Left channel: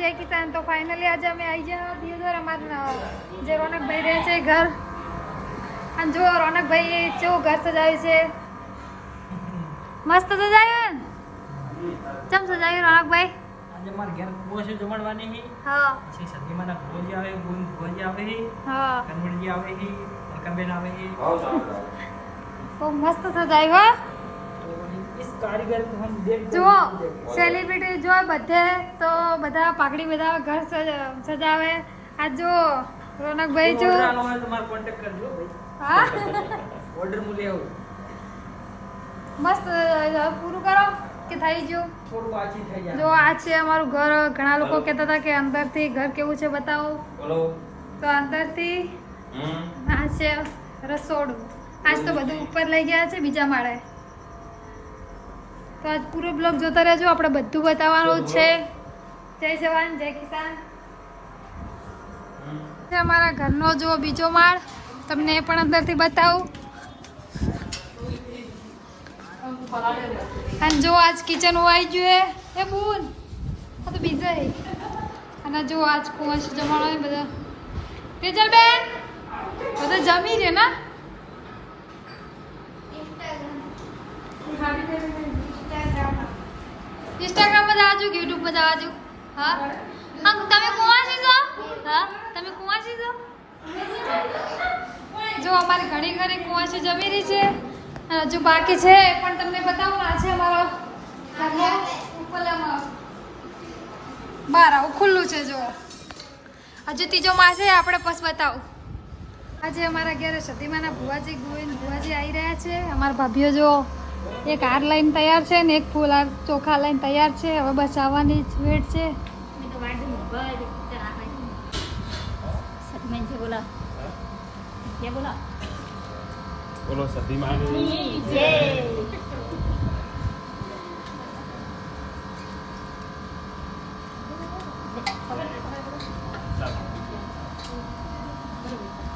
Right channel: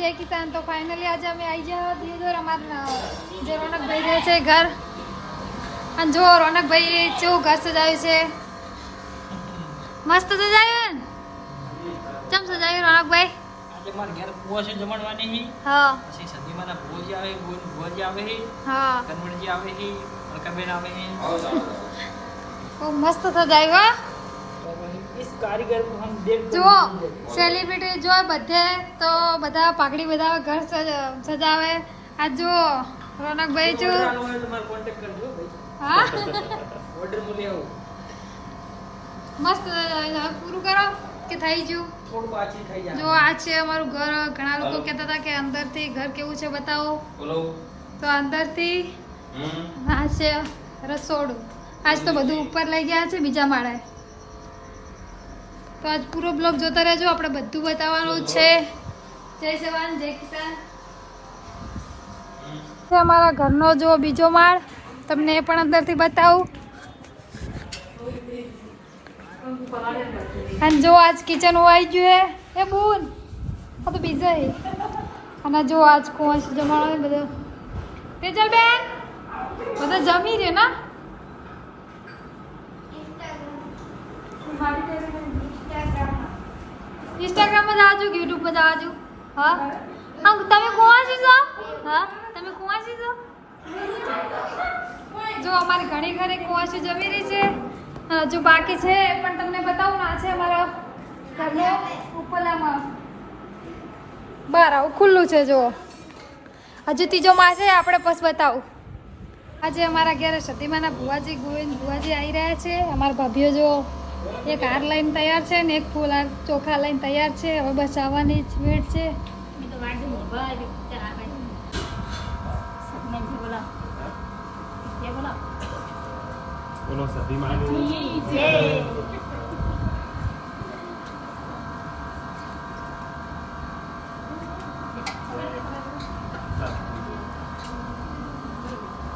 જય કિસાન. તો ફાઇનલી આજે અમે આવી ગયા દિયોદર અમારા જે રોનકભાઈ રહે છે ઘર. અને જો રોનકભાઈ કેવું ઘર સજાવ્યું છે, મસ્ત સજાવ્યું ને. ચમ સજાવ્યું રોનકભાઈ? આજે માર ઘર બહુ છે જમણવાની હી. હા પછી સદીમાના ભોજી આવે, ભોજી આવે હી. હા કનવણજી આવે હી, અલકાબેન આવે હી. બહુ મસ્ત સજાવ્યું. इस कारीगर को हम देख જુઓ સેલિબ્રિટી જો બધે તો બધા પાઘડી બધા ઘર સજાવે. આ જો રોનકભાઈ જો તમારો કોન્ટેક્ટ કરજો ભાઈ. હા ઓર્ડર મૂલે આવું મસ્ત પૂરું કરો કે થઈ ગયું. થોડું પાછી થઈ જાય. જો આ છે અમારું ઘર. ઘણા લોકો કહેતા હતા કે અંદરથી ઘર કેવું છે બતાવો. બોલો. તો અંદરથી આ છે રસોડું. આજ તો બધું ઉપર લઈ ગયા છે બીજા માળે. તો આજ પૂરો બ્લોગ જોતા રહેજો, આપણે બધું બતાવવાનું જ છે. જય જવાન જય કિસાન. અમારા ઘરનો જો બીજો માળ, તમને એ પણ અંદરથી બતાવું. અને જો આજ કિચન આવી ગયું એ બૂન આ તો બીજા અને જો આજ કોણ જમાડો બધા તેજલ બેન બધા જમી રહે ને. ઇન્સ્ટાગ્રામમાં જવાજો, યુટ્યુબમાં જવાજો. હા હા તમે કુંવાસી છો? હા તમે કુંવાસી છો? જો અમારી ઘણી ઘરે કુંવાસી જમી રહી છે. હજુ બાકી છે એ પણ તમને બતાવું. ના છે અમારો ઘરનો ઉપલામાં બહાર આવું ખુલ્લું છે. જો હજુ ત્રીજો માળ છે, આપણે પછી બતાવું. આજે અમારા ઘરે સતીમાના ભુવાજી ગોવિંદ ભુવાજી આવી રહ્યા છે. અમારા ભાભીઓ જો એક હાર લઈને તૈયાર છે ને એક ફૂલ હાર ચોખા લઈને તૈયાર છે. હવે બસ આવવાની જ વેટ છે. બોલો સતીમાની જય.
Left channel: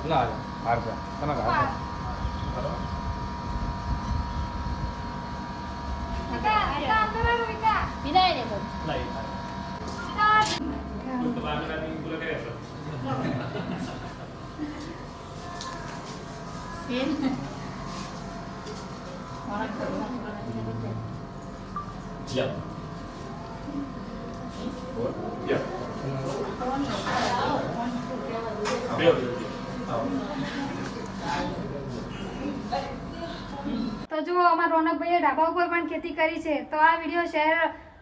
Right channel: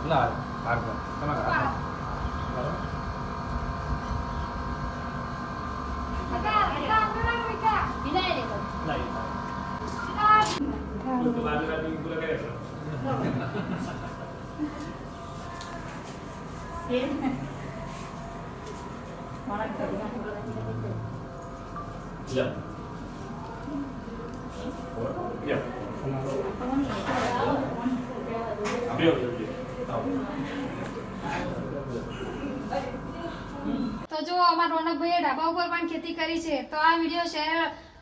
ના આગળ કના તો જો અમારા રોનકભાઈએ ઢાબા ઉપર પણ ખેતી કરી છે. તો આ વિડીયો શેર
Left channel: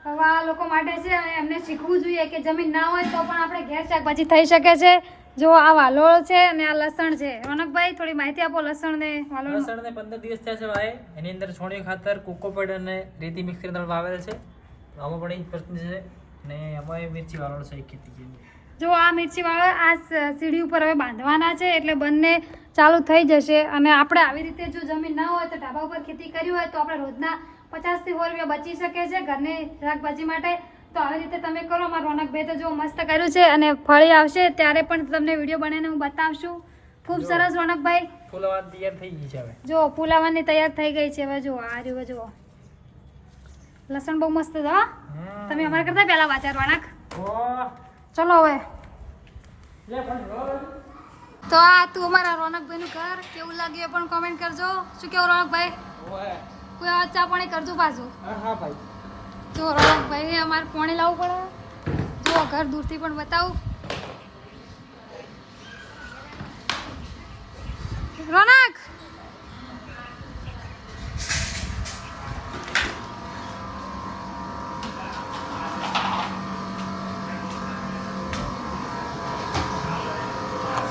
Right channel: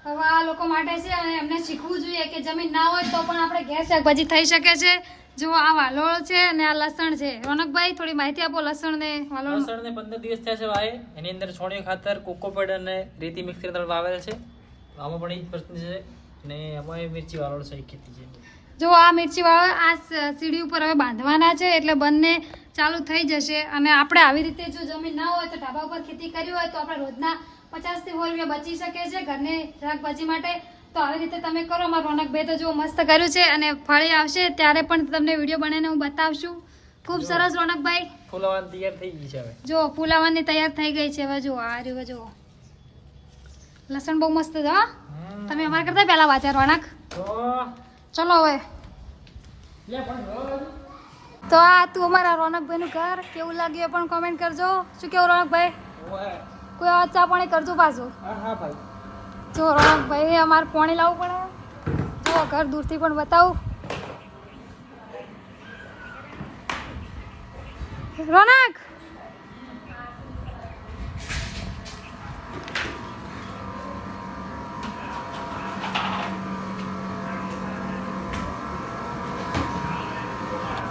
કરવા લોકો માટે છે અને એમને શીખવું જોઈએ કે જમીન ના હોય તો પણ આપણે ઘેર શાકભાજી થઈ શકે છે. જો આ વાલોળ છે અને આ લસણ છે. રોનકભાઈ થોડી માહિતી આપો લસણ ને વાલોળ. લસણ ને 15 દિવસ થયા છે ભાઈ. એની અંદર છોણિયું ખાતર, કોકોપીટ અને રેતી મિક્સ કરીને વાવેલ છે. આમાં પણ 1% છે અને એમાં મિર્ચી વાલોળ છે, ખેતી છે. જો આ મિર્ચી વાળો આ સીડી ઉપર હવે બાંધવાના છે એટલે બંને ચાલુ થઈ જશે. અને આપણે આવી રીતે જો જમીન ના હોય તો ઢાબા ઉપર ખેતી કરી હોય તો આપણે રોજના 50 થી 100 રૂપિયા બચી શકે છે ઘરની શાકભાજી માટે. તો આવી રીતે તમે કરો. અમારા રોનકભાઈ તો જો મસ્ત કર્યું છે અને ફળી આવશે ત્યારે પણ તમને વિડીયો બનાવીને હું બતાવશું. ખૂબ સરસ રોનકભાઈ. ફૂલવાન તૈયાર થઈ ગઈ છે હવે. જો ફૂલાવાની તૈયાર થઈ ગઈ છે. હવે જો આ રહ્યું જો લસણ બહુ મસ્ત છે. હા તમે અમારા કરતા પહેલા વાંચે રોનક. ચલો હવે તો આ તું અમારા રોનકભાઈનું ઘર કેવું લાગ્યું એ પણ કોમેન્ટ કરજો. શું કેવું રોનકભાઈ? કોઈ અવાજ ચા પાણી કરજો પાછું. હા ભાઈ. જો રોનકભાઈ અમારે પાણી લાવવું પડે. જો ઘર દૂરથી પણ બતાવું. રોનક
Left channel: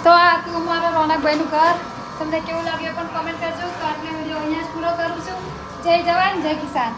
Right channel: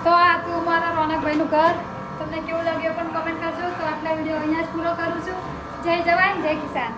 તો આ તું અમારા રોનકભાઈનું ઘર તમને કેવું લાગ્યું પણ કોમેન્ટ કરજો. તો આટલા વિડીયો અહીંયા જ પૂરો કરું છું. જય જવાન જય કિસાન.